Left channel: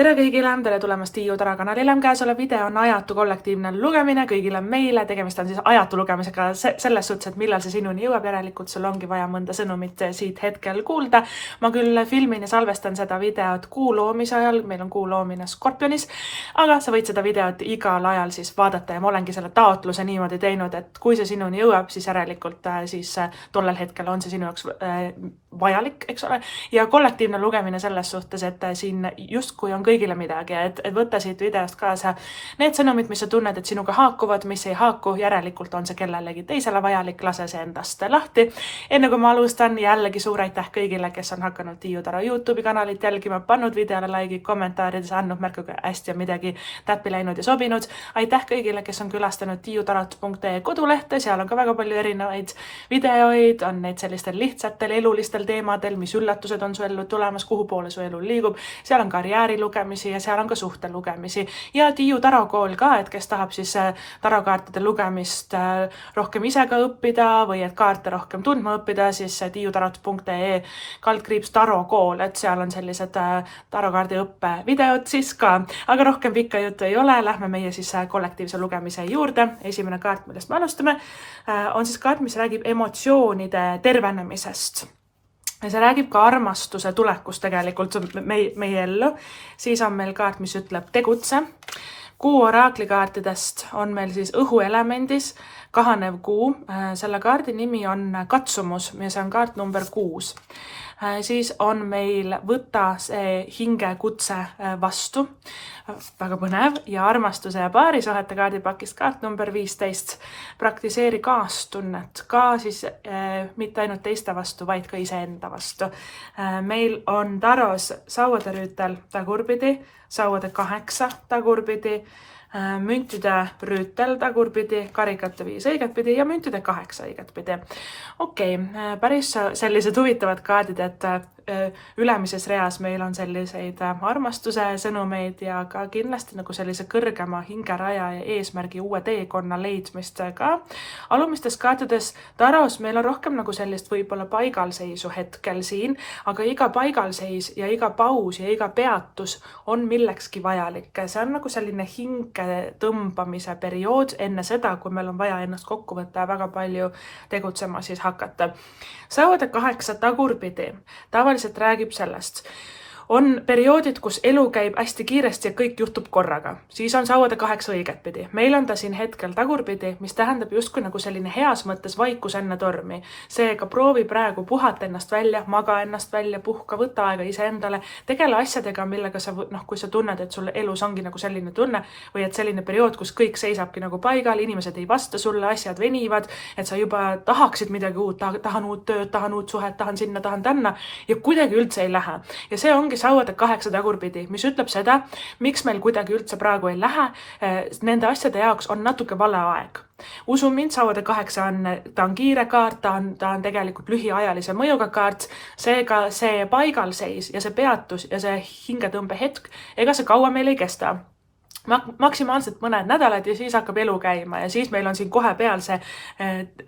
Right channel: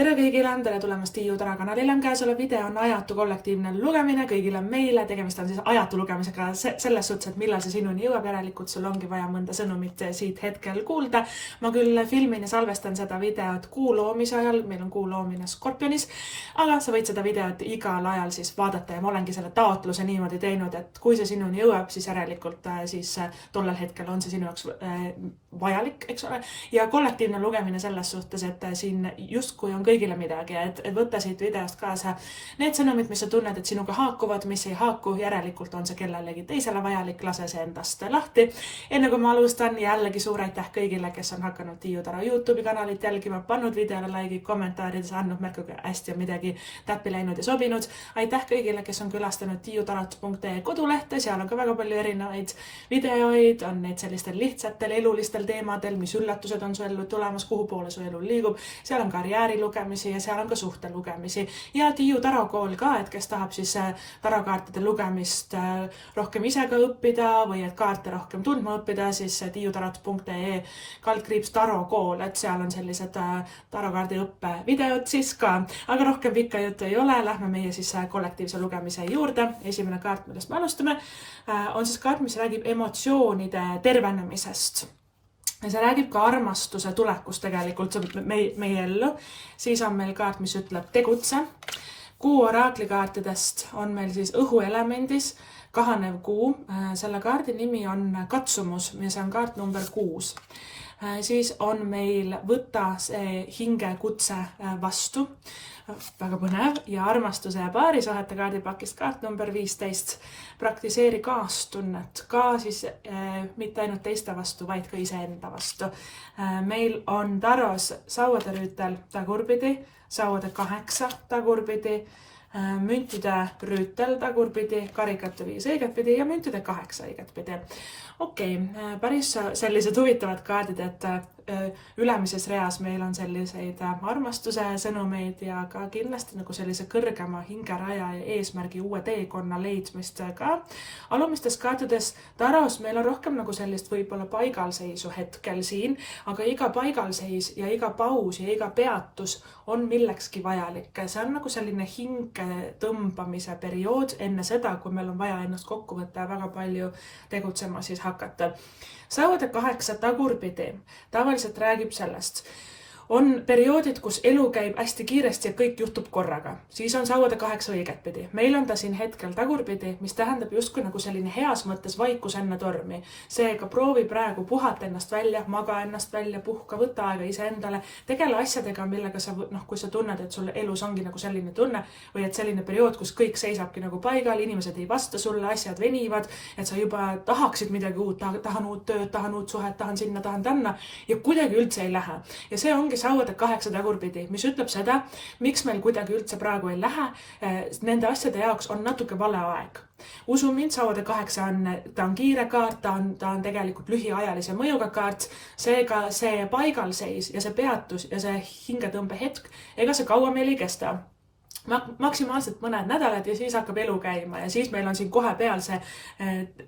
Tere kõigile, tere tulemast Tiiu Tara kanalile. Käesolev video on ajatu kollektiivne lugemine kõigile meile. Tegemist on siis ajatu lugemisega selles suhtes, et millal see sinuni jõuab. Järelikult sul ongi vaja mõnda sõnumit siit hetkel kuulda. Ma küll filmin ja salvestan seda videot kuu loomise ajal. Meil on kuu loomine Skorpionis, aga sa võid seda videot igal ajal siis vaadata ja ma olengi selle taotluse niimoodi teinud, et kui see sinuni jõuab, siis järelikult siis tollel hetkel on see sinu jaoks vajalik, eks ole. Ja kollektiivne lugemine selles suhtes, et siin justkui on kõigile midagi, et võtta siit videost kaasa need sõnumid, mis sa tunned, et sinuga haakuvad, mis ei haaku, järelikult on see kellelegi teisele vajalik, lase see endast lahti. Enne kui ma alustan, jällegi suur aitäh kõigile, kes on hakanud Tiiu Tara YouTube'i kanalit jälgima, pannud videole laigi, kommentaarides andnud märku, kui hästi on midagi täppi läinud ja sobinud. Aitäh kõigile, kes on külastanud tiiutarat.ee kodulehte, seal on ka väga palju erinevaid videoid, on neid sellistel lihtsatel elulistel teemadel, mis üllatused on su ellu tulemas, kuhu poole su elu liigub, seal on karjääri lugemisi ja seal on ka suhte lugemisi ja Tiiu tarokool ka, et kes tahab siis tarokaartide lugemist rohkem ise ka õppida või et kaarte rohkem tundma õppida, siis tiiutarat.ee /tarokool, et seal on sellised tarokaardi õppe videod siis ka, aga rohkem pikka juttu ei ole, lähme meie siis kollektiivse lugemise juurde. Esimene kaart, millest me alustame, on siis kaart, mis räägib emotsioonide tervenemisest. Ja see räägib ka armastuse tulekust tegelikult meie ellu. Siis on meil kaart, mis ütleb tegutse. Kuu oraklikaartidest on meil siis õhuelemendis kahanev kuu. Selle kaardi nimi on katsumus ja see on kaart number 6. Siis on meil võta see hingekutse vastu. Väga põnev ja armastuse ja paarisuhete kaardipakist kaart number 15. Praktiseeri kaastunnet ka siis mitte ainult teiste vastu, vaid ka iseenda vastu. Meil on taros sauade rüütel tagurpidi, sauade 8 tagurpidi, müntide rüütel tagurpidi, karikate 5 õigetpidi ja müntide 8 õigetpidi. Okei, päris sellised huvitavad kaardid, et ülemises reas meil on selliseid armastuse sõnumeid ja ka kindlasti nagu sellise kõrgema hingeraja ja eesmärgi uue teekonna leidmist ka. Alumistes kaartides taros meil on rohkem nagu sellist võib-olla paigalseisu hetkel siin, aga iga paigalseis ja iga paus ja iga peatus on millekski vajalik. See on nagu selline hinge tõmbamise periood enne seda, kui meil on vaja ennast kokku võtta ja väga palju tegutsema siis hakata. Sauade 8 tagurpidi tavaliselt räägib sellest. On perioodid, kus elu käib hästi kiiresti ja kõik juhtub korraga. Siis on sauade 8 õigetpidi. Meil on ta siin hetkel tagurpidi, mis tähendab justkui nagu selline heas mõttes vaikus enne tormi. Seega proovi praegu puhata ennast välja, maga ennast välja, puhka, võta aega iseendale, tegele asjadega, millega sa, kui sa tunned, et sul elus ongi nagu selline tunne või et selline periood, kus kõik seisabki nagu paigal, inimesed ei vasta sulle, asjad venivad, et sa juba tahaksid midagi uut, tahan uut tööd, tahan uut suhet, tahan sinna, tahan tänna ja kuidagi üldse ei lähe. Ja see ongi sauade 8 tagurpidi, mis ütleb seda, miks meil kuidagi üldse praegu ei lähe. Nende asjade jaoks on natuke vale aeg. Usu mind, sauade 8 ta on kiire kaart, ta on tegelikult lühiajalise mõjuga kaart, seega see paigalseis ja see peatus ja see hingetõmbe hetk, ega see kaua meil ei kesta. Maksimaalselt mõned nädalad ja siis hakkab elu käima ja siis meil on siin kohe peal see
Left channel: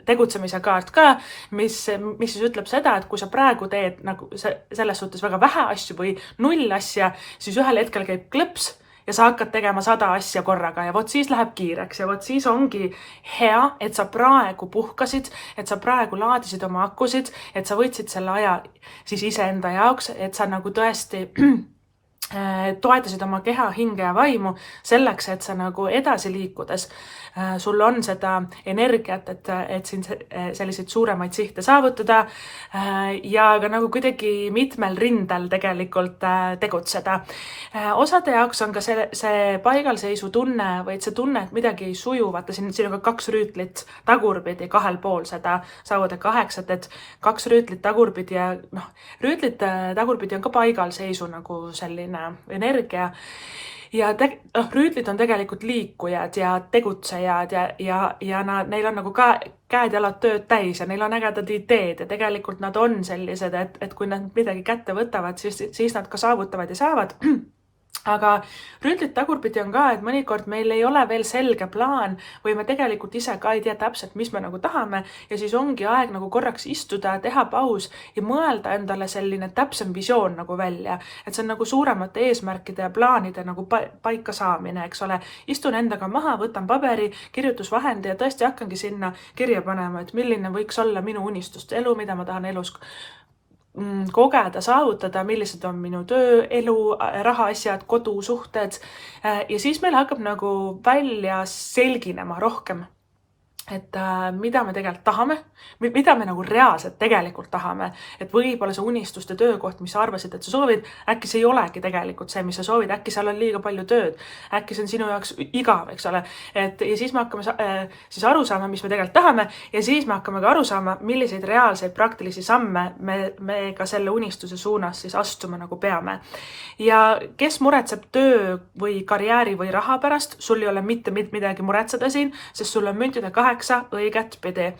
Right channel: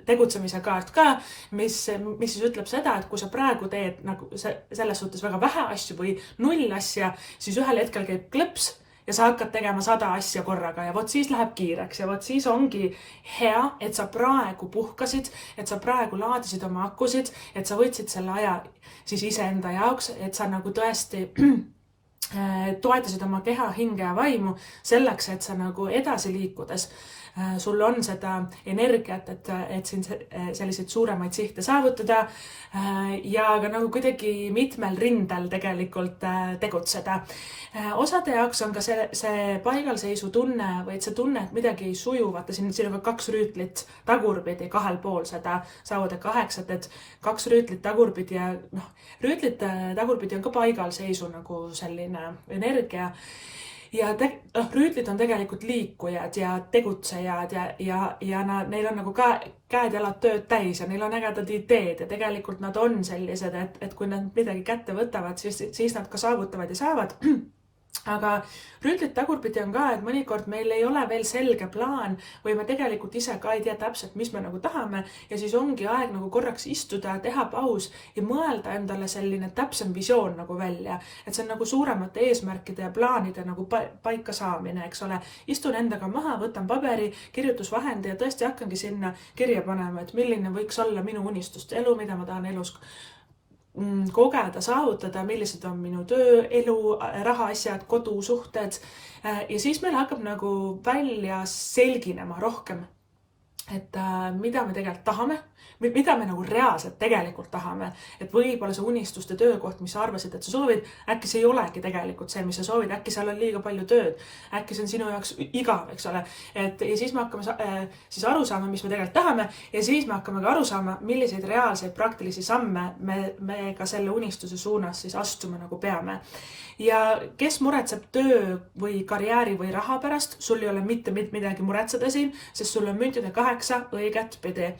tegutsemise kaart ka, mis siis ütleb seda, et kui sa praegu teed nagu selles suhtes väga vähe asju või 0 asja, siis ühel hetkel käib klõps ja sa hakkad tegema 100 asja korraga ja vot siis läheb kiireks ja vot siis ongi hea, et sa praegu puhkasid, et sa praegu laadisid oma akusid, et sa võtsid selle aja siis iseenda jaoks, et sa nagu tõesti toetasid oma keha, hinge ja vaimu selleks, et sa nagu edasi liikudes sul on seda energiat, et siin selliseid suuremaid sihte saavutada ja ka nagu kuidagi mitmel rindel tegelikult tegutseda. Osade jaoks on ka see paigalseisu tunne või see tunne, et midagi ei suju, vaata siin on ka 2 rüütlit tagurpidi kahel pool seda sauade 8, et 2 rüütlit tagurpidi ja rüütlit tagurpidi on ka paigalseisu nagu selline energia. Ja rüütlid on tegelikult liikujad ja tegutsejad ja neil on nagu ka käed-jalad tööd täis ja neil on ägedad ideed ja tegelikult nad on sellised, et kui nad midagi kätte võtavad, siis nad ka saavutavad ja saavad. aga rüütlit tagurpidi on ka, et mõnikord meil ei ole veel selge plaan või me tegelikult ise ka ei tea täpselt, mis me nagu tahame ja siis ongi aeg nagu korraks istuda, teha paus ja mõelda endale selline täpsem visioon nagu välja. Et see on nagu suuremate eesmärkide ja plaanide nagu paika saamine, eks ole. Istun endaga maha, võtan paberi, kirjutusvahendi ja tõesti hakkangi sinna kirja panema, et milline võiks olla minu unistuste elu, mida ma tahan elus kogeda, saavutada, millised on minu töö, elu, rahaasjad, kodusuhted ja siis meil hakkab nagu välja selginema rohkem, et mida me tegelikult tahame, mida me nagu reaalselt tegelikult tahame, et võib-olla see unistuste töökoht, mis sa arvasid, et sa soovid, äkki see ei olegi tegelikult see, mis sa soovid, äkki seal on liiga palju tööd, äkki see on sinu jaoks igav, eks ole, et ja siis me hakkame siis aru saama, mis me tegelikult tahame ja siis me hakkame ka aru saama, milliseid reaalseid praktilisi samme me ka selle unistuse suunas siis astuma nagu peame. Ja kes muretseb töö või karjääri või raha pärast, sul ei ole mitte midagi muretseda siin, sest sul on müntide 8 õiget pidi.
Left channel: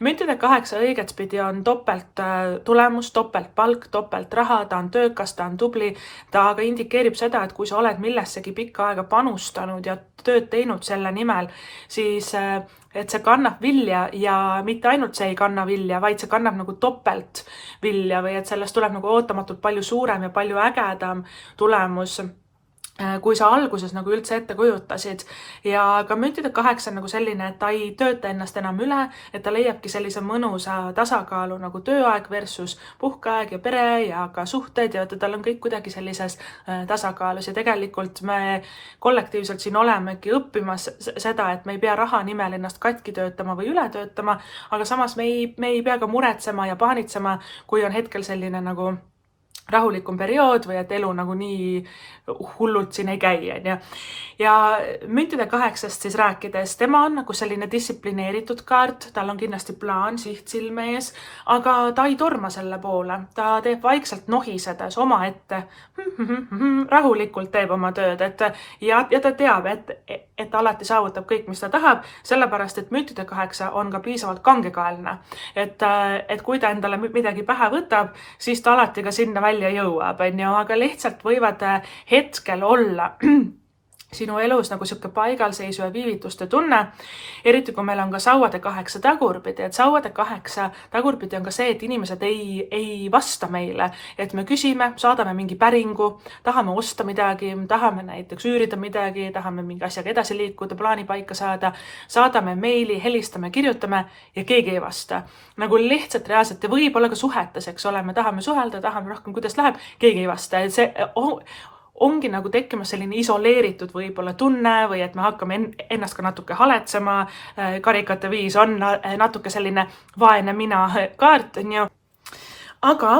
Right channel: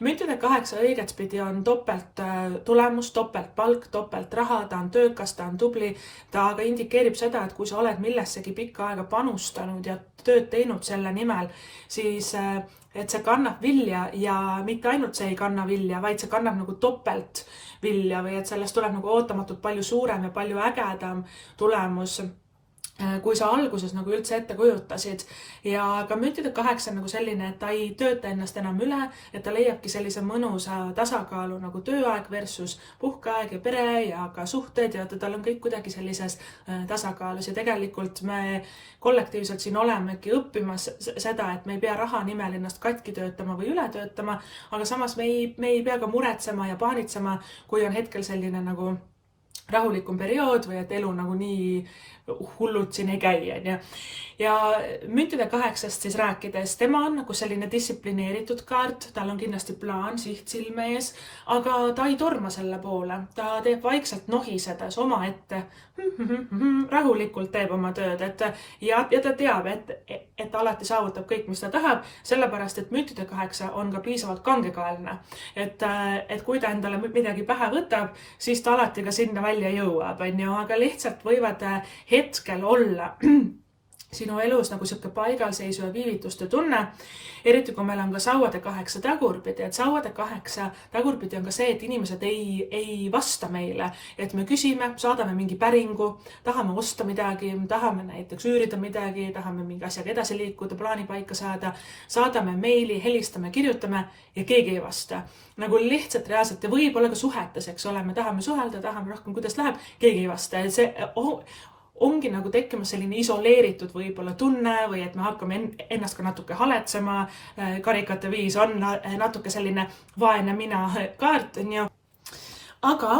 Müntide 8 õiget pidi on topelt tulemus, topelt palk, topelt raha, ta on töökas, ta on tubli, ta aga indikeerib seda, et kui sa oled millessegi pikka aega panustanud ja tööd teinud selle nimel, siis et see kannab vilja ja mitte ainult see ei kanna vilja, vaid see kannab nagu topelt vilja või et sellest tuleb nagu ootamatult palju suurem ja palju ägedam tulemus, kui sa alguses nagu üldse ette kujutasid. Ja ka müntide 8 on nagu selline, et ta ei tööta ennast enam üle, et ta leiabki sellise mõnusa tasakaalu nagu tööaeg versus puhkeaeg ja pere ja ka suhted ja tal on kõik kuidagi sellises tasakaalus ja tegelikult me kollektiivselt siin olemegi õppimas seda, et me ei pea raha nimel ennast katki töötama või üle töötama, aga samas me ei pea ka muretsema ja paanitsema, kui on hetkel selline nagu rahulikum periood või et elu nagu nii hullult siin ei käi, on ju. Ja müntide 8 siis rääkides, tema on nagu selline distsiplineeritud kaart, tal on kindlasti plaan, siht silme ees, aga ta ei torma selle poole, ta teeb vaikselt nohisedes omaette, rahulikult teeb oma tööd, ja ta teab, et ta alati saavutab kõik, mis ta tahab, sellepärast, et müntide 8 on ka piisavalt kangekaelne, et kui ta endale midagi pähe võtab, siis ta alati ka sinna välja jõuab, on ju, aga lihtsalt võivad hetkel olla sinu elus nagu siuke paigalseisu ja viivituste tunne, eriti kui meil on ka sauade 8 tagurpidi, et sauade 8 tagurpidi on ka see, et inimesed ei vasta meile, et me küsime, saadame mingi päringu, tahame osta midagi, tahame näiteks üürida midagi, tahame mingi asjaga edasi liikuda, plaani paika saada, saadame meili, helistame, kirjutame ja keegi ei vasta. Nagu lihtsalt reaalselt ja võib-olla ka suhetes, eks ole, me tahame suhelda, tahame rohkem, kuidas läheb, keegi ei vasta. Et see ongi nagu tekkimas selline isoleeritud võib-olla tunne või et me hakkame ennast ka natuke haletsema. Karikate 5 on natuke selline vaene mina kaart, on ju. Aga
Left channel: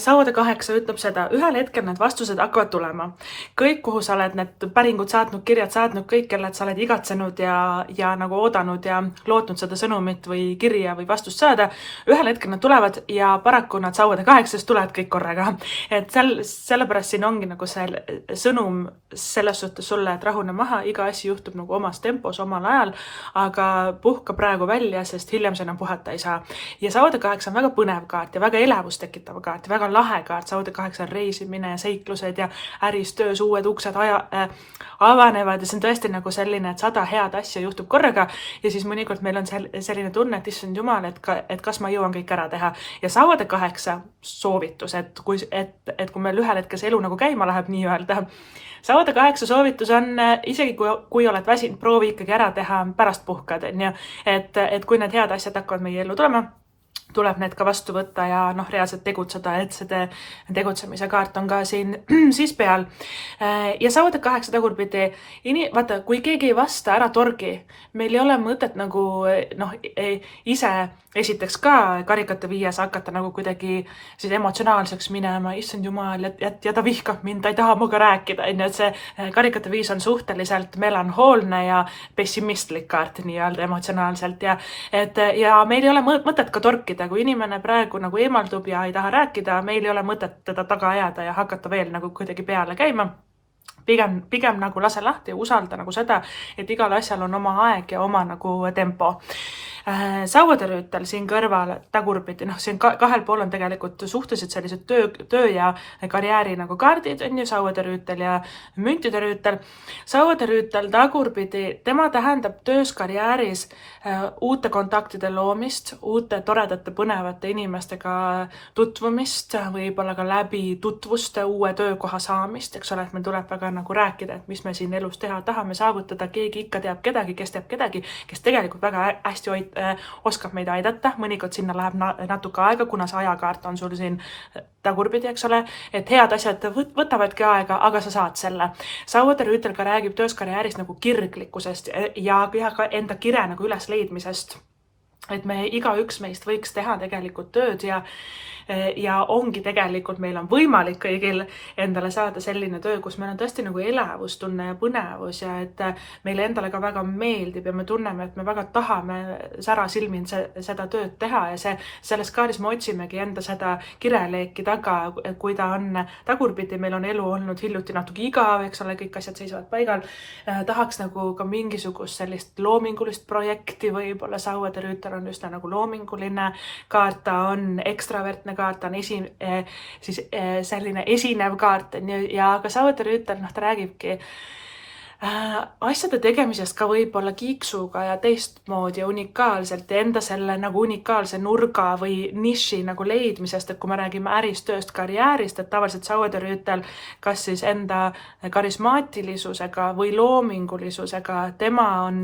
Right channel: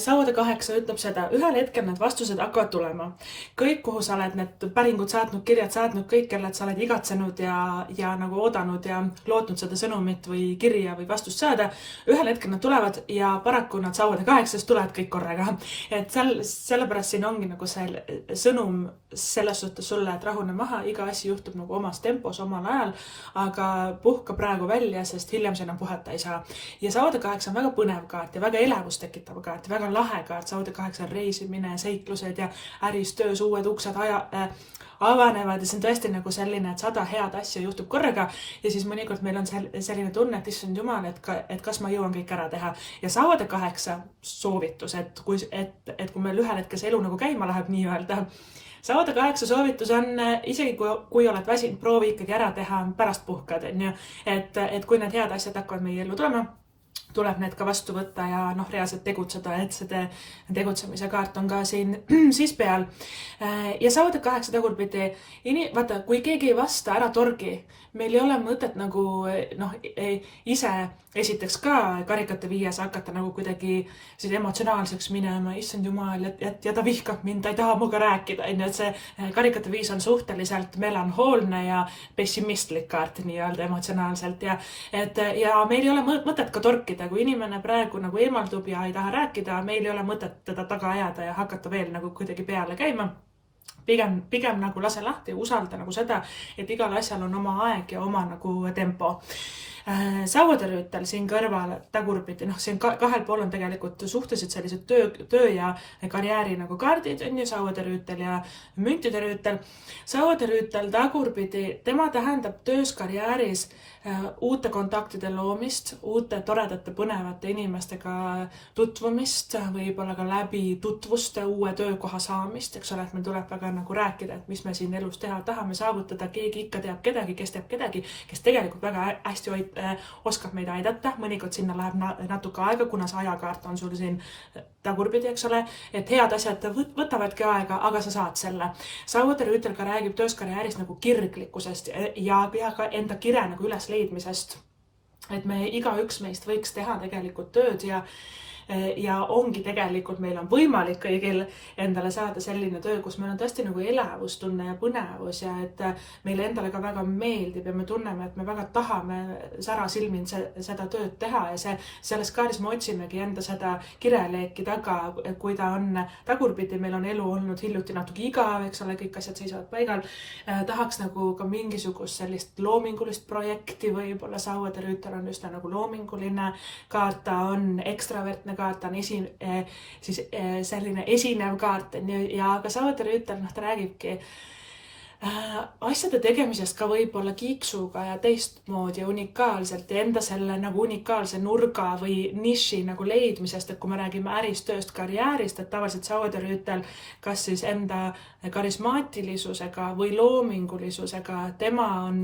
sauade 8 ütleb seda, ühel hetkel need vastused hakkavad tulema. Kõik, kuhu sa oled need päringud saatnud, kirjad saatnud, kõik, kellelt sa oled igatsenud ja nagu oodanud ja lootnud seda sõnumit või kirja või vastust saada, ühel hetkel nad tulevad ja paraku nad sauade 8 tulevad kõik korraga. Et sellepärast siin ongi nagu see sõnum selles suhtes sulle, et rahune maha, iga asi juhtub nagu omas tempos, omal ajal, aga puhka praegu välja, sest hiljem sa enam puhata ei saa. Ja sauade 8 on väga põnev kaart ja väga elevust tekitav kaart, väga lahe kaart, sauade 8 on reisimine ja seiklused ja äris, töös uued uksed avanevad ja see on tõesti nagu selline, et 100 head asja juhtub korraga ja siis mõnikord meil on selline tunne, et issand jumal, et kas ma jõuan kõik ära teha. Ja sauade 8 soovitus, et kui meil ühel hetkel see elu nagu käima läheb nii-öelda, sauade 8 soovitus on, isegi kui oled väsinud, proovi ikkagi ära teha pärast puhkad, on ju, et kui need head asjad hakkavad meie ellu tulema, tuleb need ka vastu võtta ja reaalselt tegutseda, et see tegutsemise kaart on ka siin siis peal. Ja sauade 8 tagurpidi, vaata, kui keegi ei vasta, ära torgi. Meil ei ole mõtet nagu ise esiteks ka karikate 5 hakata nagu kuidagi siis emotsionaalseks minema, issand jumal, ja ta vihkab mind, ta ei taha muga rääkida, et see karikate 5 on suhteliselt melanhoolne ja pessimistlik kaart nii-öelda emotsionaalselt ja meil ei ole mõtet ka torkida, kui inimene praegu nagu eemaldub ja ei taha rääkida, meil ei ole mõtet teda taga ajada ja hakata veel nagu kuidagi peale käima. Pigem nagu lase lahti ja usalda nagu seda, et igal asjal on oma aeg ja oma nagu tempo. Sauvaderüütel siin kõrval tagurpidi, siin kahel pool on tegelikult suhteliselt sellised töö ja karjääri nagu kaardid, on ju, sauvaderüütel ja müntidерüütel. Sauvaderüütel tagurpidi, tema tähendab töös karjääris uute kontaktide loomist, uute toredate põnevate inimestega tutvumist, võib-olla ka läbi tutvuste uue töökoha saamist, eks ole, et meil tuleb väga nagu rääkida, et mis me siin elus teha tahame saavutada, keegi ikka teab kedagi, kes tegelikult väga hästi oskab meid aidata, mõnikord sinna läheb natuke aega, kuna see ajakaart on sul siin tagurpidi, eks ole, et head asjad võtavadki aega, aga sa saad selle. Sauvaderüütel ka räägib töös karjääris nagu kirglikkusest ja ka enda kire nagu üles leidmisest, et me igaüks meist võiks teha tegelikult tööd ja ongi tegelikult, meil on võimalik kõigil endale saada selline töö, kus meil on tõesti nagu elavustunne ja põnevus ja et meile endale ka väga meeldib ja me tunneme, et me väga tahame särasilmin seda tööd teha ja selles kaardis me otsimegi enda seda kireleeki taga, kui ta on tagurpidi, meil on elu olnud hiljuti natuke igav, eks ole, kõik asjad seisavad paigal. Tahaks nagu ka mingisugust sellist loomingulist projekti, võib-olla Sauvaderüütel on just nagu loominguline kaart, ta on ekstravertne kaart, on selline esinev kaart ja ka Sauvaderüütel, ta räägibki asjade tegemisest ka võib-olla kiiksuga ja teistmoodi unikaalselt ja enda selle nagu unikaalse nurga või niši nagu leidmisest, et kui me räägime ärist, tööst, karjäärist, et tavaliselt Sauvaderüütel kas siis enda karismaatilisusega või loomingulisusega tema on,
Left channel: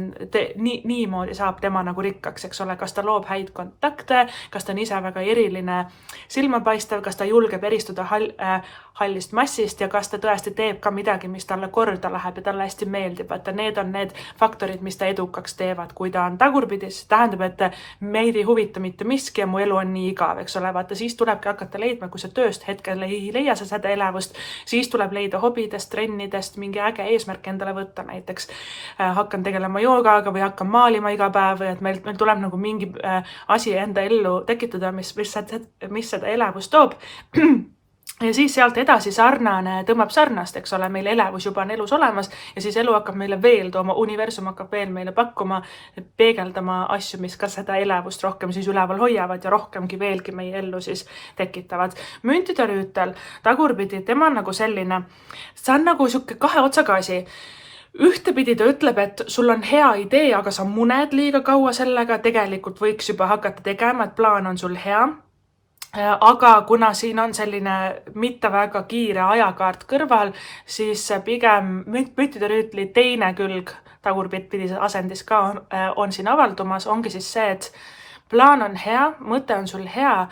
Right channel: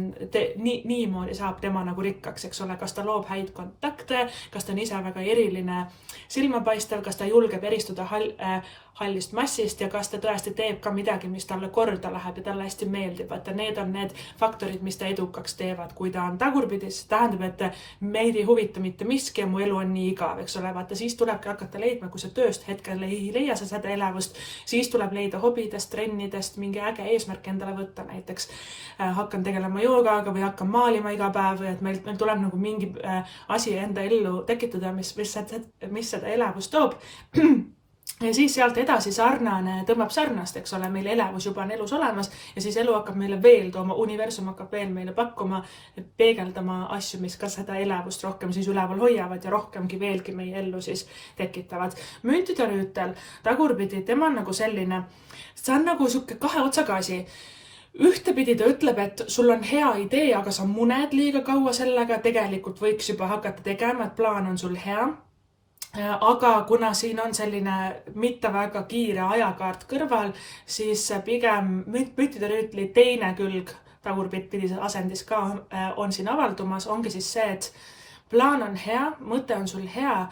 niimoodi saab tema nagu rikkaks, eks ole, kas ta loob häid kontakte, kas ta on ise väga eriline silmapaistev, kas ta julgeb eristuda hallist massist ja kas ta tõesti teeb ka midagi, mis talle korda läheb ja talle hästi meeldib, et need on need faktorid, mis ta edukaks teevad. Kui ta on tagurpidis, tähendab, et meid ei huvita mitte miski ja mu elu on nii igav, eks ole, vaata siis tulebki hakata leidma, kui sa tööst hetkel ei leia sa seda elavust, siis tuleb leida hobidest, trennidest, mingi äge eesmärk endale võtta, näiteks hakkan tegelema joogaga või hakkan maalima iga päev või et meil tuleb nagu mingi asi enda ellu tekitada, mis seda elavust toob. Ja siis sealt edasi tõmbab sarnast, eks ole, meil elevus juba on elus olemas ja siis elu hakkab meile veel tooma, universum hakkab veel meile pakkuma, peegeldama asju, mis ka seda elevust rohkem siis üleval hoiavad ja rohkemgi veelgi meie ellu siis tekitavad. Müntidерüütel, tagurpidi, tema on nagu selline, see on nagu siuke kahe otsaga asi. Ühtepidi ta ütleb, et sul on hea idee, aga sa muned liiga kaua sellega, tegelikult võiks juba hakata tegema, et plaan on sul hea. Aga kuna siin on selline mitte väga kiire ajakaart kõrval, siis pigem müntidерüütli teine külg tagurpidises asendis ka on siin avaldumas, ongi siis see, et plaan on hea, mõte on sul hea,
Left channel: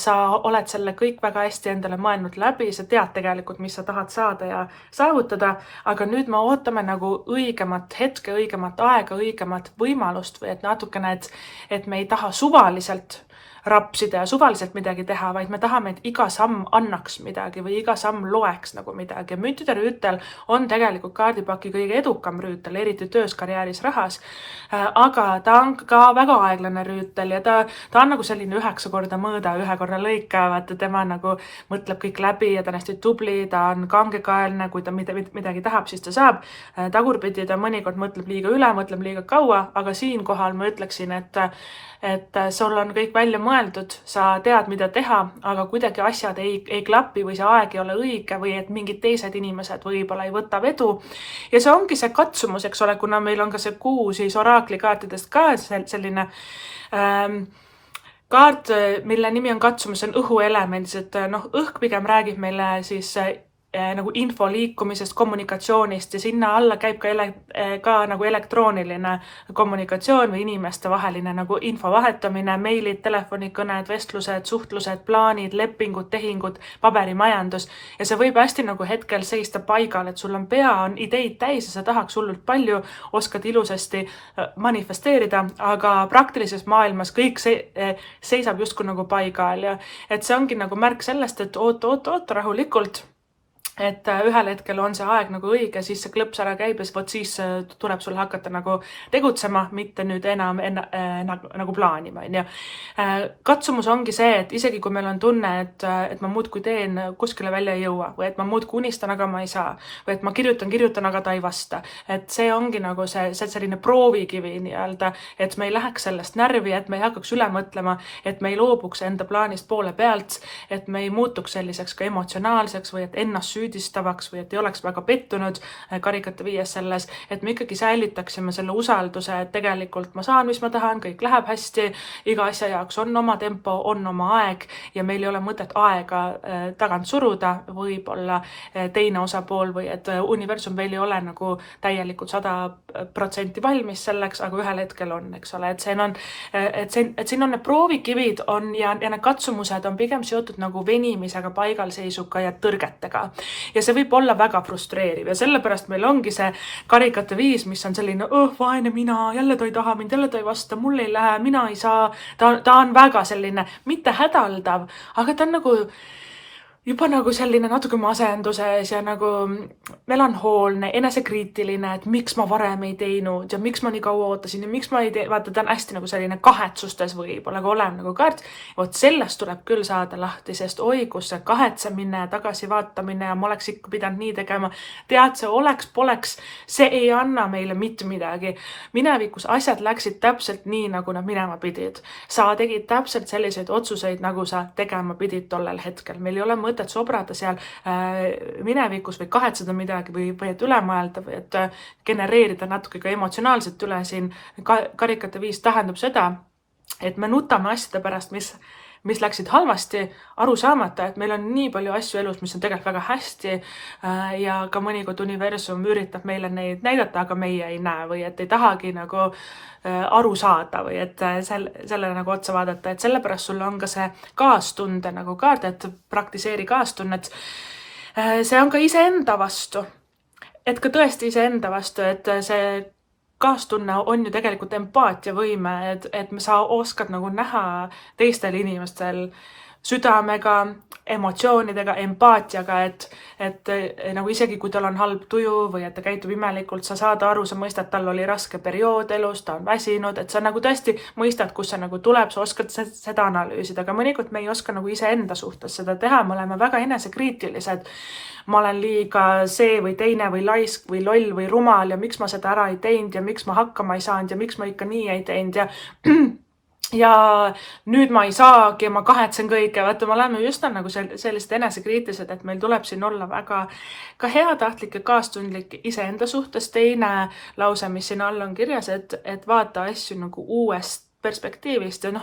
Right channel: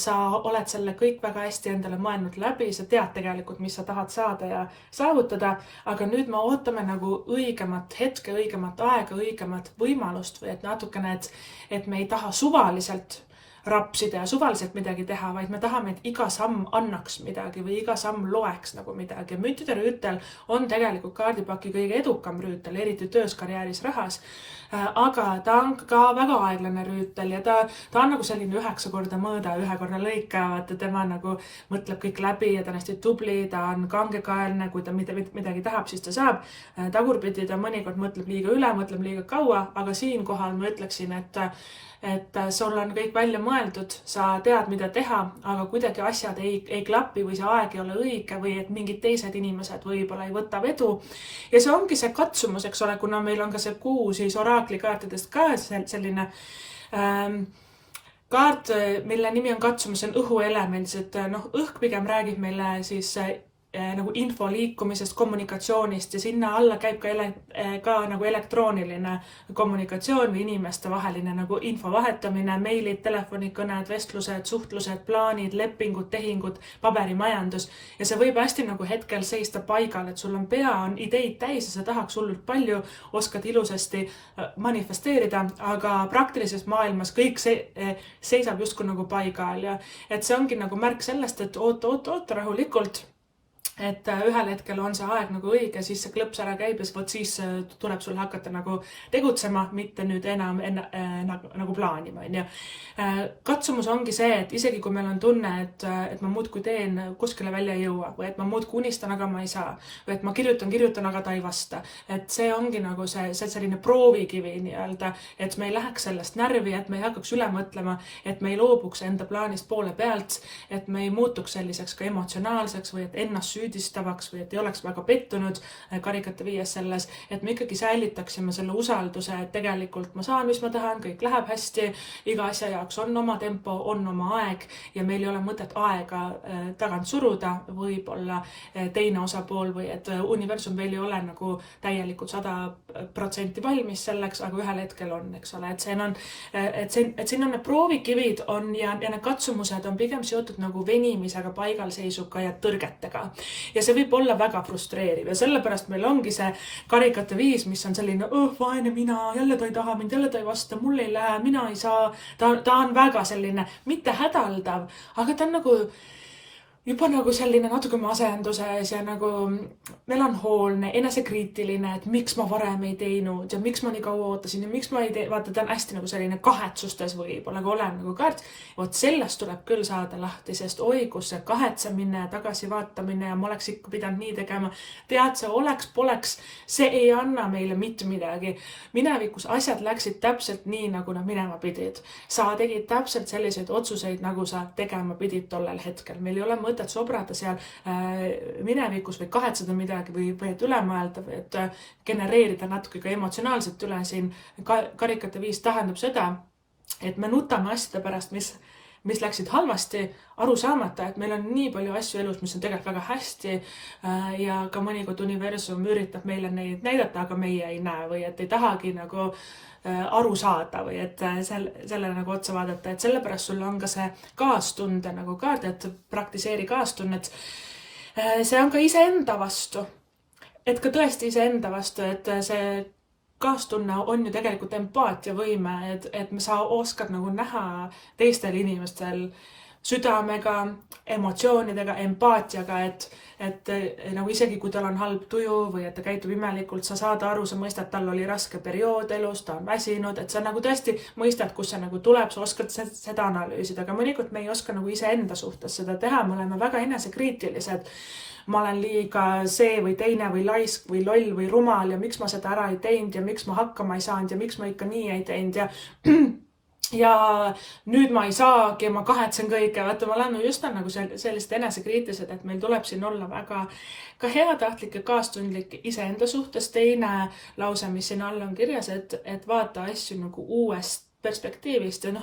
sa oled selle kõik väga hästi endale mõelnud läbi, sa tead tegelikult, mis sa tahad saada ja saavutada, aga nüüd me ootame nagu õigemat hetke, õigemat aega, õigemat võimalust või et natukene, et me ei taha suvaliselt rapsida ja suvaliselt midagi teha, vaid me tahame, et iga samm annaks midagi või iga samm loeks nagu midagi. Müntidерüütel on tegelikult kaardipaki kõige edukam rüütel, eriti töös, karjääris, rahas, aga ta on ka väga aeglane rüütel ja ta on nagu selline 9 korda mõõda, 1 korra lõika, vaata tema nagu mõtleb kõik läbi ja ta on hästi tubli, ta on kangekaelne, kui ta midagi tahab, siis ta saab. Tagurpidi ta mõnikord mõtleb liiga üle, mõtleb liiga kaua, aga siinkohal ma ütleksin, et sul on kõik välja mõeldud, sa tead, mida teha, aga kuidagi asjad ei klapi või see aeg ei ole õige või et mingid teised inimesed võib-olla ei võta vedu. Ja see ongi see katsumus, eks ole, kuna meil on ka see kuu siis oraklikaartidest ka selline kaart, mille nimi on katsumus, see on õhuelemendis, et õhk pigem räägib meile siis nagu info liikumisest, kommunikatsioonist ja sinna alla käib ka nagu elektrooniline kommunikatsioon või inimeste vaheline nagu info vahetamine, meilid, telefonikõned, vestlused, suhtlused, plaanid, lepingud, tehingud, paberimajandus ja see võib hästi nagu hetkel seista paigal, et sul on pea, on ideid täis ja sa tahaks hullult palju, oskad ilusasti manifesteerida, aga praktilises maailmas kõik seisab justkui nagu paigal ja et see ongi nagu märk sellest, et oot rahulikult. et ühel hetkel on see aeg nagu õige, siis see klõps ära käib ja vot siis tuleb sul hakata nagu tegutsema, mitte nüüd enam nagu plaanima, on ju. Katsumus ongi see, et isegi kui meil on tunne, et ma muudkui teen, kuskile välja ei jõua või et ma muudkui unistan, aga ma ei saa või et ma kirjutan, aga ta ei vasta. Et see ongi nagu see selline proovikivi nii-öelda, et me ei läheks sellest närvi, et me ei hakkaks üle mõtlema, et me ei loobuks enda plaanist poole pealt, et me ei muutuks selliseks ka emotsionaalseks või et ennast süüdistavaks või et ei oleks väga pettunud karikate viies selles, et me ikkagi säilitaksime selle usalduse, et tegelikult ma saan, mis ma tahan, kõik läheb hästi, iga asja jaoks on oma tempo, on oma aeg ja meil ei ole mõtet aega tagant suruda, võib-olla teine osapool või et universum veel ei ole nagu täielikult 100% valmis selleks, aga ühel hetkel on, eks ole, et siin on need proovikivid on ja need katsumused on pigem seotud nagu venimisega, paigalseisuga ja tõrgetega. Ja see võib olla väga frustreeriv ja sellepärast meil ongi see karikate viis, mis on selline, vaene mina, jälle ta ei taha mind, jälle ta ei vasta, mul ei lähe, mina ei saa. Ta on väga selline, mitte hädaldav, aga ta on nagu juba nagu selline natuke masenduses ja nagu melanhoolne, enesekriitiline, et miks ma varem ei teinud ja miks ma nii kaua ootasin ja miks ma ei tee, vaata, ta on hästi nagu selline kahetsustes võib-olla, kui olen nagu kaart. Vot sellest tuleb küll saada lahti, sest oi, kus see kahetsemine ja tagasivaatamine ja ma oleks ikka pidanud nii tegema. Tead, see oleks-poleks, see ei anna meile mitte midagi. Minevikus asjad läksid täpselt nii, nagu nad minema pidid. Sa tegid täpselt selliseid otsuseid, nagu sa tegema pidid tollel hetkel. Meil ei ole mõtet sobrata seal minevikus või kahetseda midagi või et üle mõelda või et genereerida natuke ka emotsionaalselt üle siin. Karikate viis tähendab seda, et me nutame asjade pärast, mis läksid halvasti, aru saamata, et meil on nii palju asju elus, mis on tegelikult väga hästi ja ka mõnikord universum üritab meile neid näidata, aga meie ei näe või et ei tahagi nagu aru saada või et selle nagu otsa vaadata, et sellepärast sul on ka see kaastunde nagu kaart, et praktiseeri kaastunnet. See on ka iseenda vastu, et ka tõesti iseenda vastu, et see kaastunne on ju tegelikult empaatiavõime, et sa oskad nagu näha teistel inimestel südamega, emotsioonidega, empaatiaga, et nagu isegi kui tal on halb tuju või et ta käitub imelikult, sa saad aru, sa mõistad, tal oli raske periood elus, ta on väsinud, et sa nagu tõesti mõistad, kus see nagu tuleb, sa oskad seda analüüsida, aga mõnikord me ei oska nagu iseenda suhtes seda teha, me oleme väga enesekriitilised. Ma olen liiga see või teine või laisk või loll või rumal ja miks ma seda ära ei teinud ja miks ma hakkama ei saanud ja miks ma ikka nii ei teinud ja nüüd ma ei saagi ja ma kahetsen kõike. Vaata, me oleme just nagu sellised enesekriitilised, et meil tuleb siin olla väga ka heatahtlik ja kaastundlik iseenda suhtes. Teine lause, mis siin all on kirjas, et vaata asju nagu uuest perspektiivist ja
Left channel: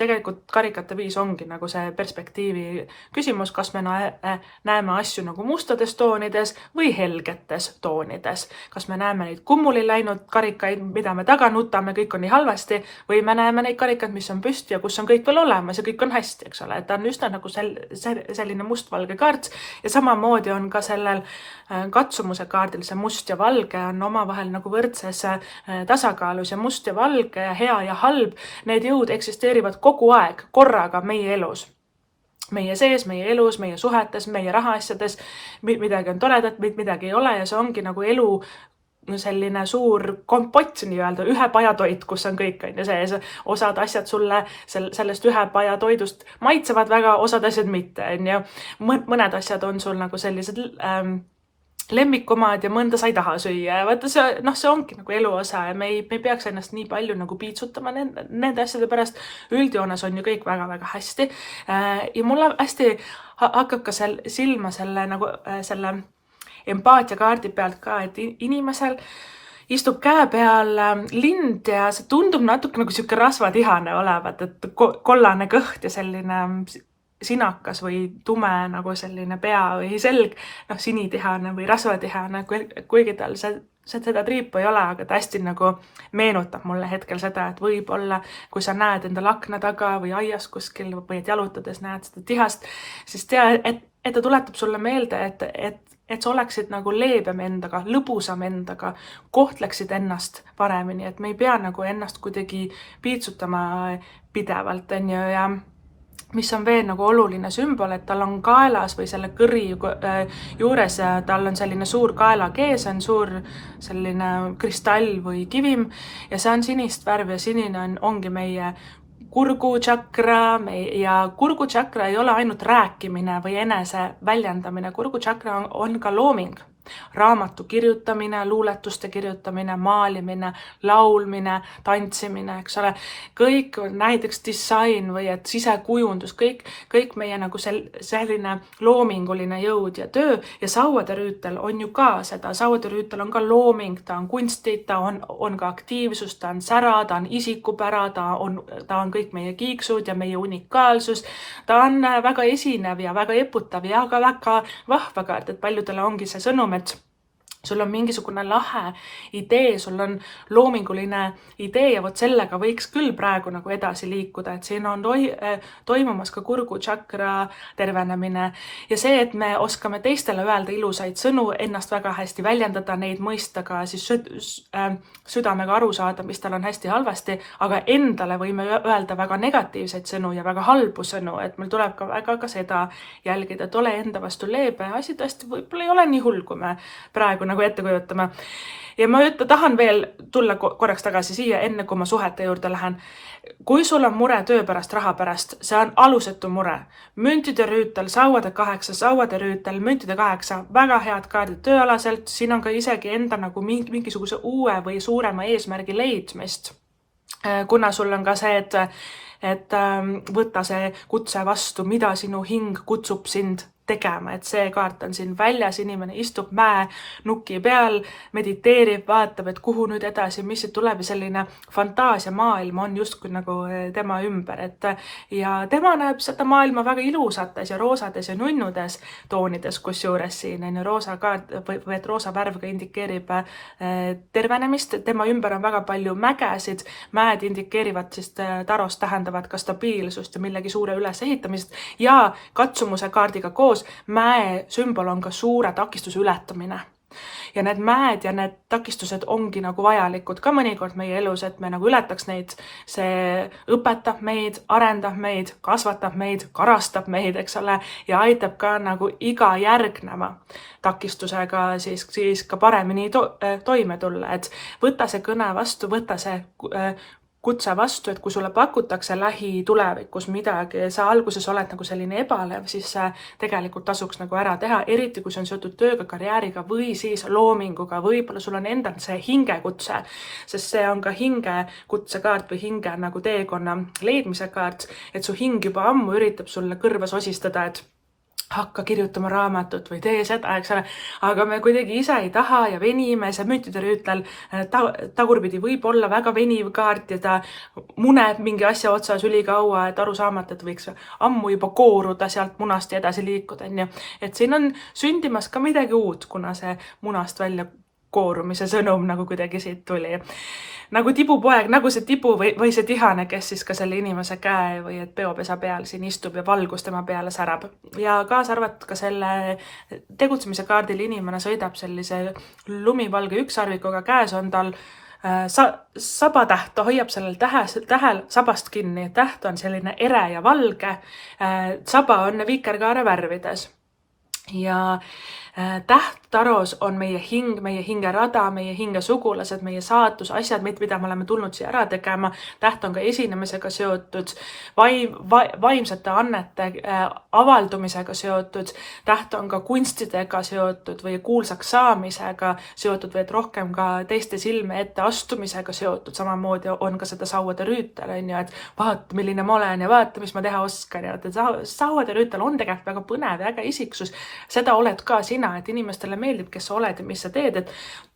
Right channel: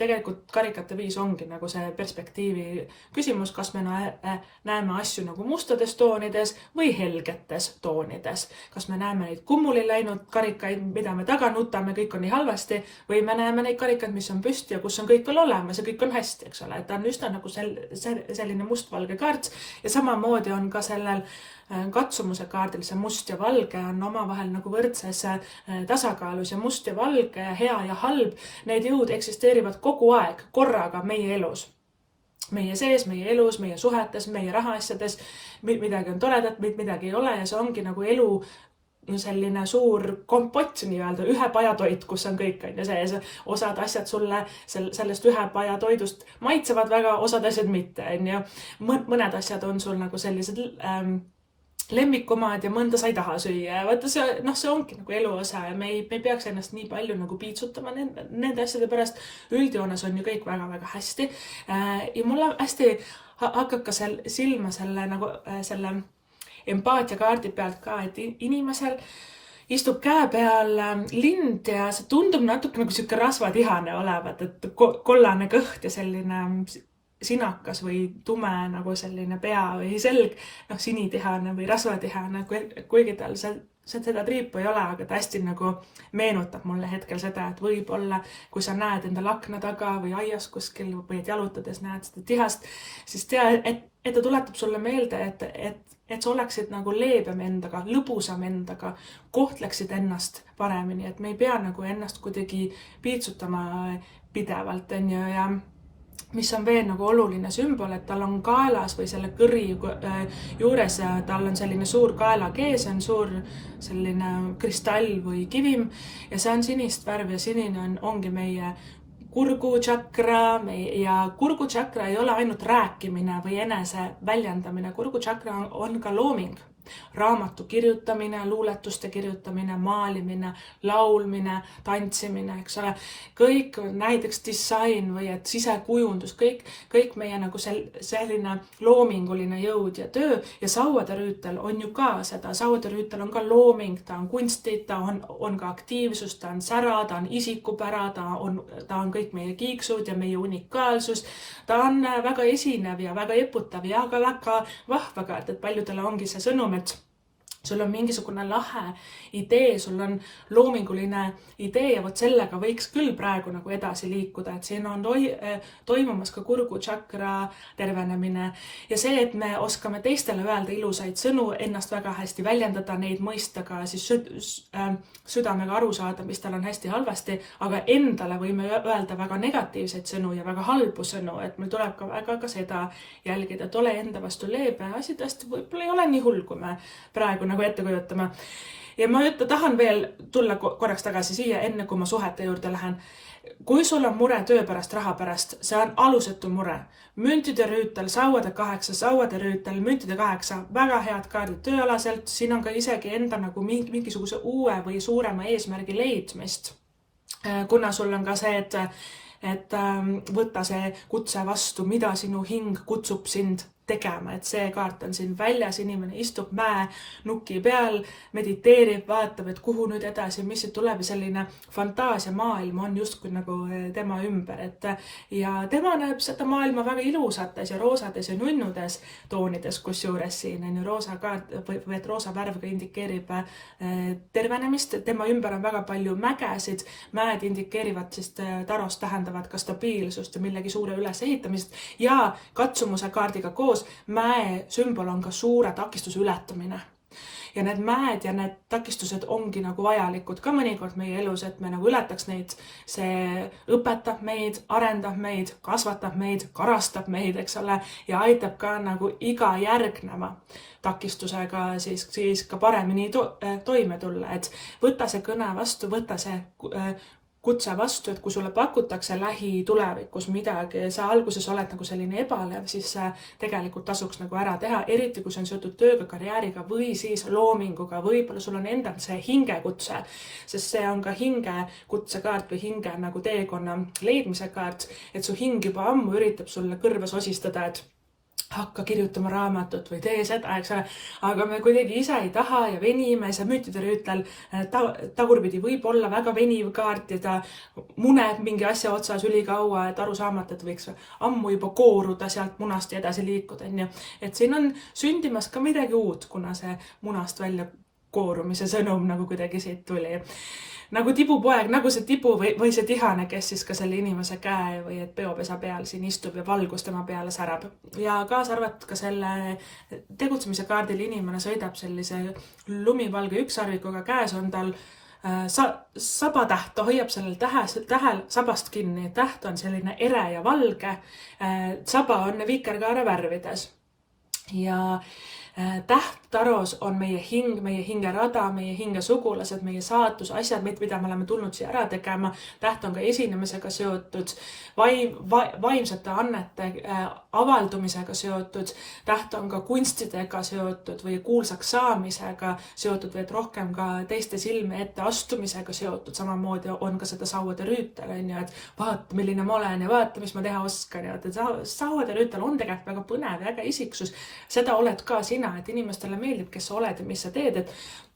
tegelikult karikate viis ongi nagu see perspektiivi küsimus, kas me näeme asju nagu mustades toonides või helgetes toonides. Kas me näeme neid kummuli läinud karikaid, mida me taga nutame, kõik on nii halvasti, või me näeme neid karikaid, mis on püsti ja kus on kõik veel olemas ja kõik on hästi, eks ole. Et ta on üsna nagu selline mustvalge kaart ja samamoodi on ka sellel katsumuse kaardil see must ja valge on omavahel nagu võrdses tasakaalus ja must ja valge ja hea ja halb, need jõud eksisteerivad kogu aeg korraga meie elus. Meie sees, meie elus, meie suhetes, meie rahaasjades, midagi on toredat, midagi ei ole ja see ongi nagu elu selline suur kompott nii-öelda, ühe paja toit, kus on kõik on ja sees. Osad asjad sulle sellest ühe paja toidust maitsevad väga, osad asjad mitte. Ja mõned asjad on sul nagu sellised lemmikumad ja mõnda sa ei taha süüa. Vaata, see ongi nagu elu osa ja me ei peaks ennast nii palju nagu piitsutama nende asjade pärast. Üldjoones on ju kõik väga-väga hästi. Ja mulle hästi hakkab ka silma selle empaatia kaardi pealt ka, et inimesel istub käe peal lind ja see tundub natuke nagu siuke rasvatihane olevat, et kollane kõht ja selline sinakas või tume nagu selline pea või selg, sinitihane või rasvatihane, kuigi tal seda triipu ei ole, aga ta hästi nagu meenutab mulle hetkel seda, et võib-olla kui sa näed endal akna taga või aias kuskil või et jalutades näed seda tihast, siis tea, et ta tuletab sulle meelde, et sa oleksid nagu leebem endaga, lõbusam endaga, kohtleksid ennast paremini, et me ei pea nagu ennast kuidagi piitsutama pidevalt, on ju, mis on veel nagu oluline sümbol, et tal on kaelas või selle kõri juures ja tal on selline suur kaelakees, on suur selline kristall või kivim ja see on sinist värvi ja sinine ongi meie kurguchakra ja kurguchakra ei ole ainult rääkimine või enese väljendamine, kurguchakra on ka looming. Raamatu kirjutamine, luuletuste kirjutamine, maalimine, laulmine, tantsimine, eks ole, kõik näiteks disain või et sisekujundus, kõik meie nagu selline loominguline jõud ja töö ja sauade rüütel on ju ka seda, sauade rüütel on ka looming, ta on kunstid, ta on ka aktiivsus, ta on sära, ta on isikupära, ta on kõik meie kiiksud ja meie unikaalsus, ta on väga esinev ja väga eputav ja ka väga vahva kaart, et paljudele ongi see sõnum, et sul on mingisugune lahe idee, sul on loominguline idee ja vot sellega võiks küll praegu nagu edasi liikuda, et siin on toimumas ka kurguchakra tervenemine ja see, et me oskame teistele öelda ilusaid sõnu, ennast väga hästi väljendada, neid mõista ka siis südamega aru saada, mis tal on hästi halvasti, aga endale võime öelda väga negatiivseid sõnu ja väga halbu sõnu, et meil tuleb ka väga ka seda jälgida, et ole enda vastu leebe, asi tõesti võib-olla ei ole nii hull, kui me praegu nagu ette kujutame. Ja ma tahan veel tulla korraks tagasi siia, enne kui ma suhete juurde lähen. Kui sul on mure töö pärast, raha pärast, see on alusetu mure. Müntide rüütel, sauade 8, sauade rüütel, müntide 8, väga head kaardid tööalaselt, siin on ka isegi enda nagu mingisuguse uue või suurema eesmärgi leidmist. Kuna sul on ka see, et võtta see kutse vastu, mida sinu hing kutsub sind tegema, et see kaart on siin väljas, inimene istub mäenuki peal, mediteerib, vaatab, et kuhu nüüd edasi, mis siit tuleb ja selline fantaasiamaailm on justkui nagu tema ümber, et ja tema näeb seda maailma väga ilusates ja roosades ja nunnudes toonides, kus juures siin on ju roosa kaart või et roosa värv ka indikeerib tervenemist, tema ümber on väga palju mägesid, mäed indikeerivad siis tarost tähendavad ka stabiilsust ja millegi suure ülesehitamist ja katsumuse kaardiga koos mäe sümbol on ka suure takistuse ületamine. Ja need mäed ja need takistused ongi nagu vajalikud ka mõnikord meie elus, et me nagu ületaks neid. See õpetab meid, arendab meid, kasvatab meid, karastab meid, eks ole, ja aitab ka nagu iga järgneva takistusega siis ka paremini toime tulla. Et võta see kõne vastu, võta see kutse vastu, et kui sulle pakutakse lähitulevikus midagi, sa alguses oled nagu selline ebalev, siis tegelikult tasuks nagu ära teha, eriti kui see on seotud tööga, karjääriga või siis loominguga, võib-olla sul on endal see hingekutse, sest see on ka hingekutsekaart või hinge nagu teekonna leidmise kaart, et su hing juba ammu üritab sulle kõrva sosistada, et hakka kirjutama raamatut või tee seda, eks ole, aga me kuidagi ise ei taha ja venime, see müntide rüütel tagurpidi võib olla väga veniv kaart ja ta muneb mingi asja otsas ülikaua, et aru saamata, et võiks ammu juba kooruda sealt munast ja edasi liikuda, et siin on sündimas ka midagi uut, kuna see munast välja koorumise sõnum nagu kuidagi siit tuli. Nagu tibupoeg, nagu see tibu või see tihane, kes siis ka selle inimese käe või et peopesa peal siin istub ja valgus tema peale särab. Ja kaasa arvat ka selle tegutsemise kaardil inimene sõidab sellise lumivalge ükssarvikuga, käes on tal sabatäht, ta hoiab sellel tähel sabast kinni, täht on selline ere ja valge, saba on vikerkaare värvides ja täht taros on meie hing, meie hingerada, meie hingesugulased, meie saatus, asjad, mida me oleme tulnud siia ära tegema. Täht on ka esinemisega seotud, vaimsete annete avaldumisega seotud, täht on ka kunstidega seotud või kuulsaks saamisega seotud või et rohkem ka teiste silme ette astumisega seotud. Samamoodi on ka seda sauade rüütel, et vaata, milline ma olen ja vaata, mis ma teha oskan. Sauade rüütel on tegelikult väga põnev ja äge isiksus. Seda oled ka sina, et inimestele meeldib, kes sa oled ja mis sa teed, et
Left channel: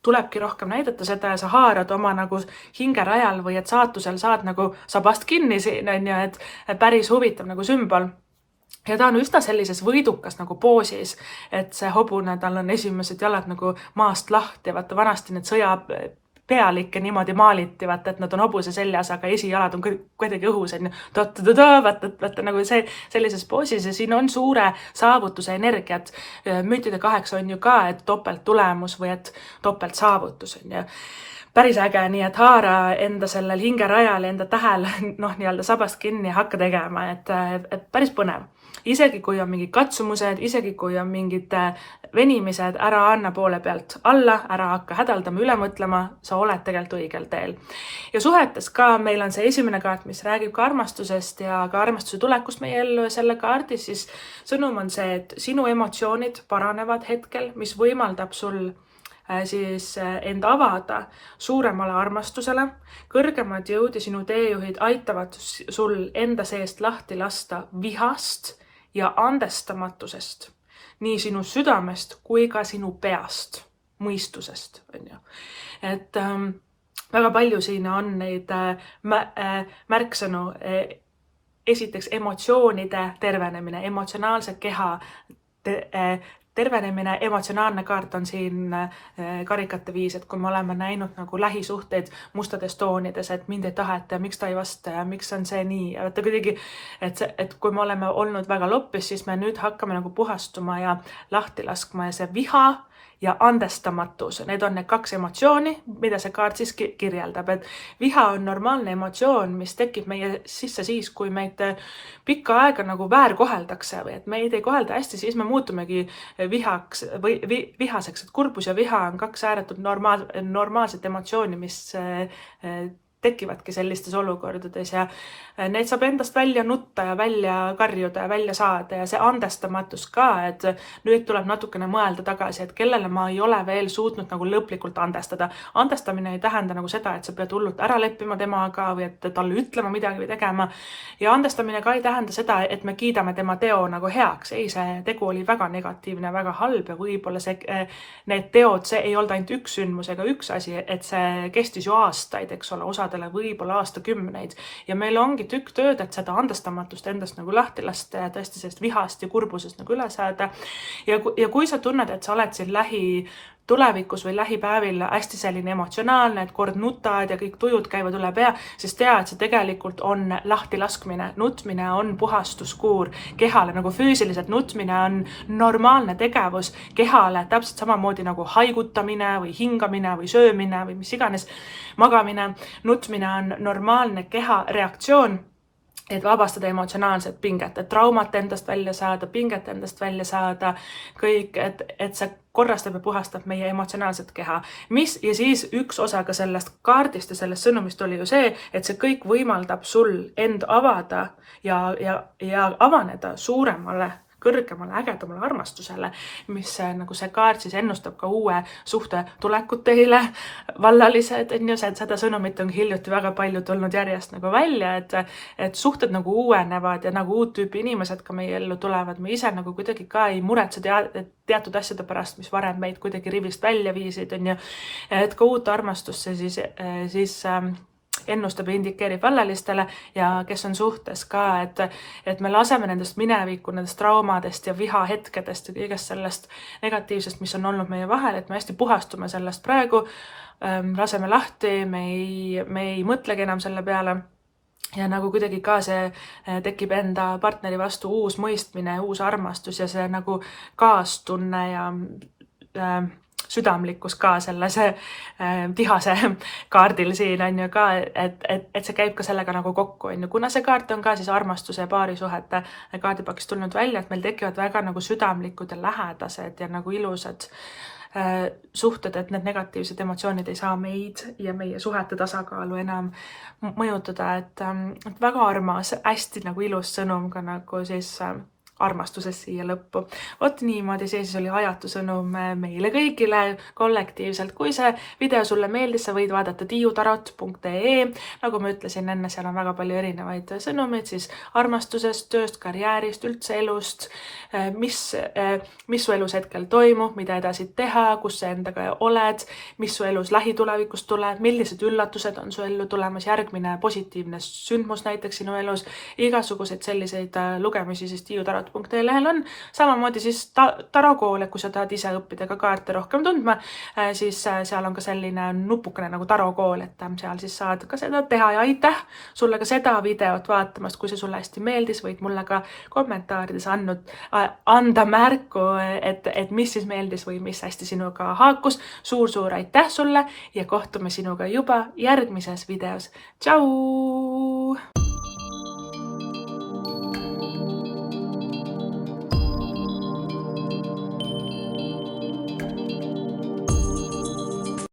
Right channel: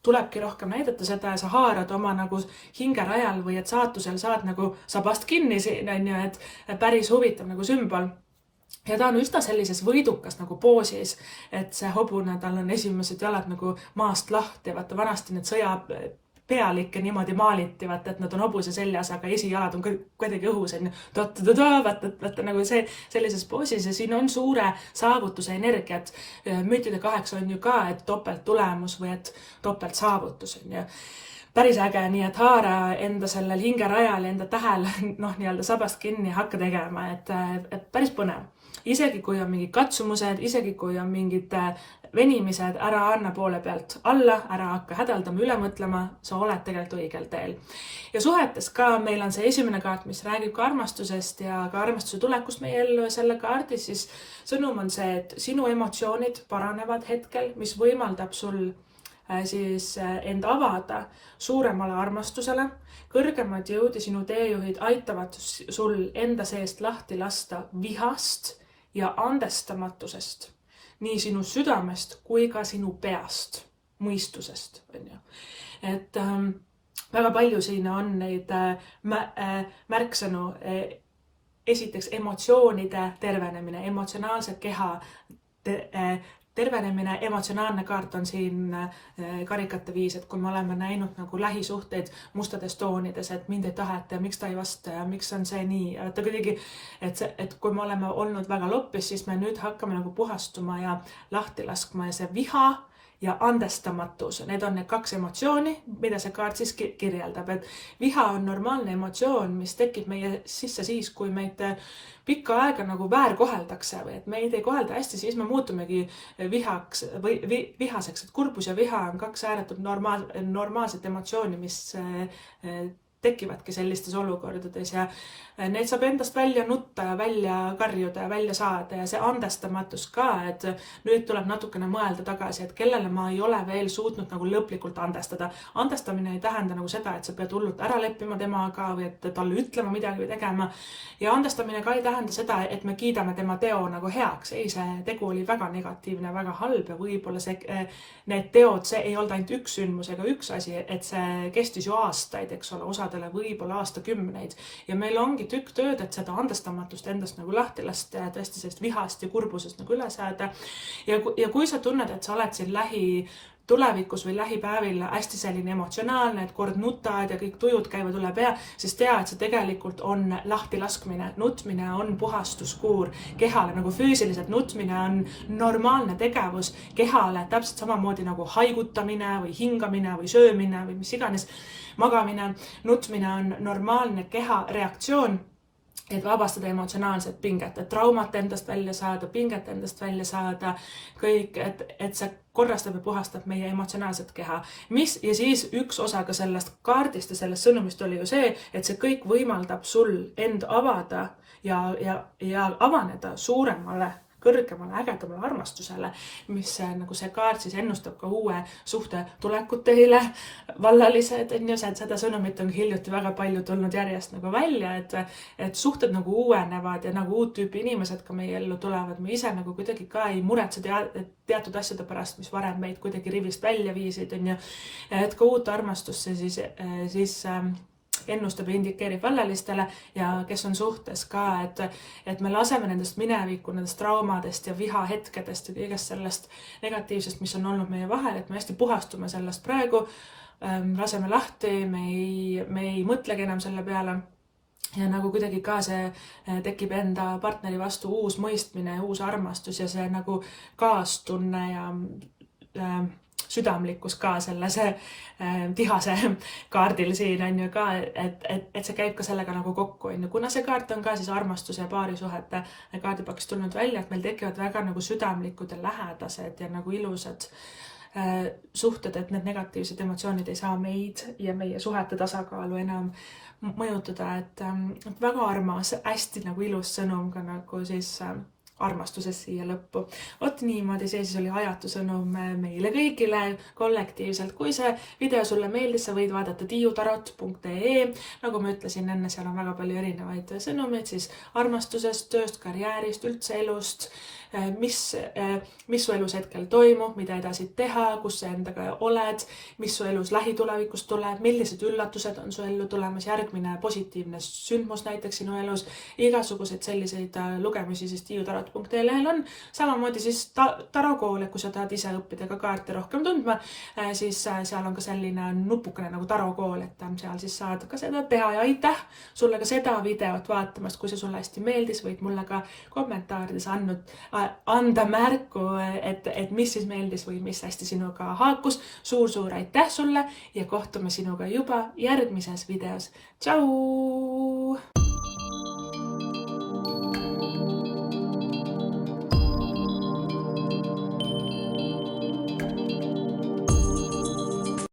tulebki rohkem näidata seda ja sa haarad oma nagu hingerajal või et saatusel saad nagu sabast kinni siin, et päris huvitav nagu sümbol. Ja ta on üsna sellises võidukas nagu poosis, et see hobune, tal on esimesed jalad nagu maast lahti, vaata vanasti need sõjapealikke niimoodi maaliti, vaata, et nad on hobuse seljas, aga esijalad on kuidagi õhus, vaata nagu sellises poosis ja siin on suure saavutuse energiat. Müntide 8 on ju ka, et topelt tulemus või et topelt saavutus on ju. päris äge, nii et haara enda sellel hingerajal, enda tähel nii-öelda sabast kinni ja hakka tegema, et päris põnev. Isegi kui on mingid katsumused, isegi kui on mingid venimised, ära anna poole pealt alla, ära hakka hädaldama, üle mõtlema, sa oled tegelikult õigel teel. Ja suhetes ka meil on see esimene kaart, mis räägib ka armastusest ja ka armastuse tulekust meie ellu ja selle kaardis siis sõnum on see, et sinu emotsioonid paranevad hetkel, mis võimaldab sul siis end avada suuremale armastusele, kõrgemad jõud ja sinu teejuhid aitavad sul enda seest lahti lasta vihast ja andestamatusest, nii sinu südamest kui ka sinu peast, mõistusest. Et väga palju siin on neid märksõnu, esiteks emotsioonide tervenemine, emotsionaalse keha tervenemine, emotsionaalne kaart on siin karikate viis, et kui me oleme näinud nagu lähisuhteid mustades toonides, et mind ei taheta ja miks ta ei vasta ja miks on see nii. Ja kuidagi, et kui me oleme olnud väga loppis, siis me nüüd hakkame nagu puhastuma ja lahti laskma ja see viha ja andestamatus, need on need kaks emotsiooni, mida see kaart siis kirjeldab, et viha on normaalne emotsioon, mis tekib meie sisse siis, kui meid pikka aega nagu väärkoheldakse või et meid ei kohelda hästi, siis me muutumegi vihaks või vihaseks, et kurbus ja viha on kaks ääretult normaalset emotsiooni, mis tekivadki sellistes olukordades ja neid saab endast välja nutta ja välja karjuda ja välja saada ja see andestamatus ka, et nüüd tuleb natukene mõelda tagasi, et kellele ma ei ole veel suutnud nagu lõplikult andestada. Andestamine ei tähenda nagu seda, et sa pead hullult ära leppima temaga või et talle ütlema midagi või tegema. Ja andestamine ka ei tähenda seda, et me kiidame tema teo nagu heaks. Ei, see tegu oli väga negatiivne, väga halb ja võib-olla need teod, see ei olnud ainult üks sündmus ega üks asi, et see kestis ju aastaid, eks ole, osadele võib-olla aastakümneid ja meil ongi tükk tööd, et seda andestamatust endast nagu lahti lasta ja tõesti sellest vihast ja kurbusest nagu üle saada. Ja kui sa tunned, et sa oled siin tulevikus või lähipäevil hästi selline emotsionaalne, et kord nutad ja kõik tujud käivad üle pea, siis tea, et see tegelikult on lahti laskmine. Nutmine on puhastuskuur kehale, nagu füüsiliselt nutmine on normaalne tegevus kehale, täpselt samamoodi nagu haigutamine või hingamine või söömine või mis iganes magamine. Nutmine on normaalne keha reaktsioon, et vabastada emotsionaalset pinget, et traumat endast välja saada, pinget endast välja saada, kõik, et see korrastab ja puhastab meie emotsionaalset keha. Ja siis üks osa ka sellest kaardist ja sellest sõnumist oli ju see, et see kõik võimaldab sul end avada ja avaneda suuremale, kõrgemale, ägedamale armastusele, mis nagu see kaart siis ennustab ka uue suhte tulekut teile, vallalised, seda sõnumit on hiljuti väga palju tulnud järjest nagu välja, et suhted nagu uuenevad ja nagu uut tüüpi inimesed ka meie ellu tulevad. Me ise nagu kuidagi ka ei muretse teatud asjade pärast, mis varem meid kuidagi rivist välja viisid, et ka uut armastusse siis ennustab ja indikeerib vallalistele ja kes on suhtes ka, et me laseme nendest mineviku, nendest traumadest ja vihahetkedest ja kõigest sellest negatiivsest, mis on olnud meie vahel, et me hästi puhastume sellest praegu, laseme lahti, me ei mõtlegi enam selle peale. Ja nagu kuidagi ka see tekib enda partneri vastu uus mõistmine, uus armastus ja see nagu kaastunne ja südamlikkus ka sellise vihase kaardil siin on ju ka, et see käib ka sellega nagu kokku. Kuna see kaart on ka siis armastuse ja paarisuhete kaardipakist tulnud välja, et meil tekivad väga nagu südamlikud ja lähedased ja nagu ilusad suhted, et need negatiivsed emotsioonid ei saa meid ja meie suhete tasakaalu enam mõjutada, et väga armas, hästi nagu ilus sõnum ka nagu siis armastusest siia lõppu. Vot niimoodi see siis oli ajatu sõnum meile kõigile kollektiivselt. Kui see video sulle meeldis, sa võid vaadata tiiutarot.ee. Nagu ma ütlesin enne, seal on väga palju erinevaid sõnumeid siis armastusest, tööst, karjäärist, üldse elust, mis su elus hetkel toimub, mida edasi teha, kus sa endaga oled, mis su elus lähitulevikus tuleb, millised üllatused on su ellu tulemas, järgmine positiivne sündmus näiteks sinu elus, igasuguseid selliseid lugemisi siis tiiutarot kaart.ee-lehel on. Samamoodi siis tarokool, et kui sa tahad ise õppida ka kaarte rohkem tundma, siis seal on ka selline nupukene nagu tarokool, et seal siis saad ka seda teha ja aitäh sulle ka seda videot vaatamast. Kui see sulle hästi meeldis, võid mulle ka kommentaarides anda märku, et mis siis meeldis või mis hästi sinuga haakus. Suur aitäh sulle ja kohtume sinuga juba järgmises videos. Tšau!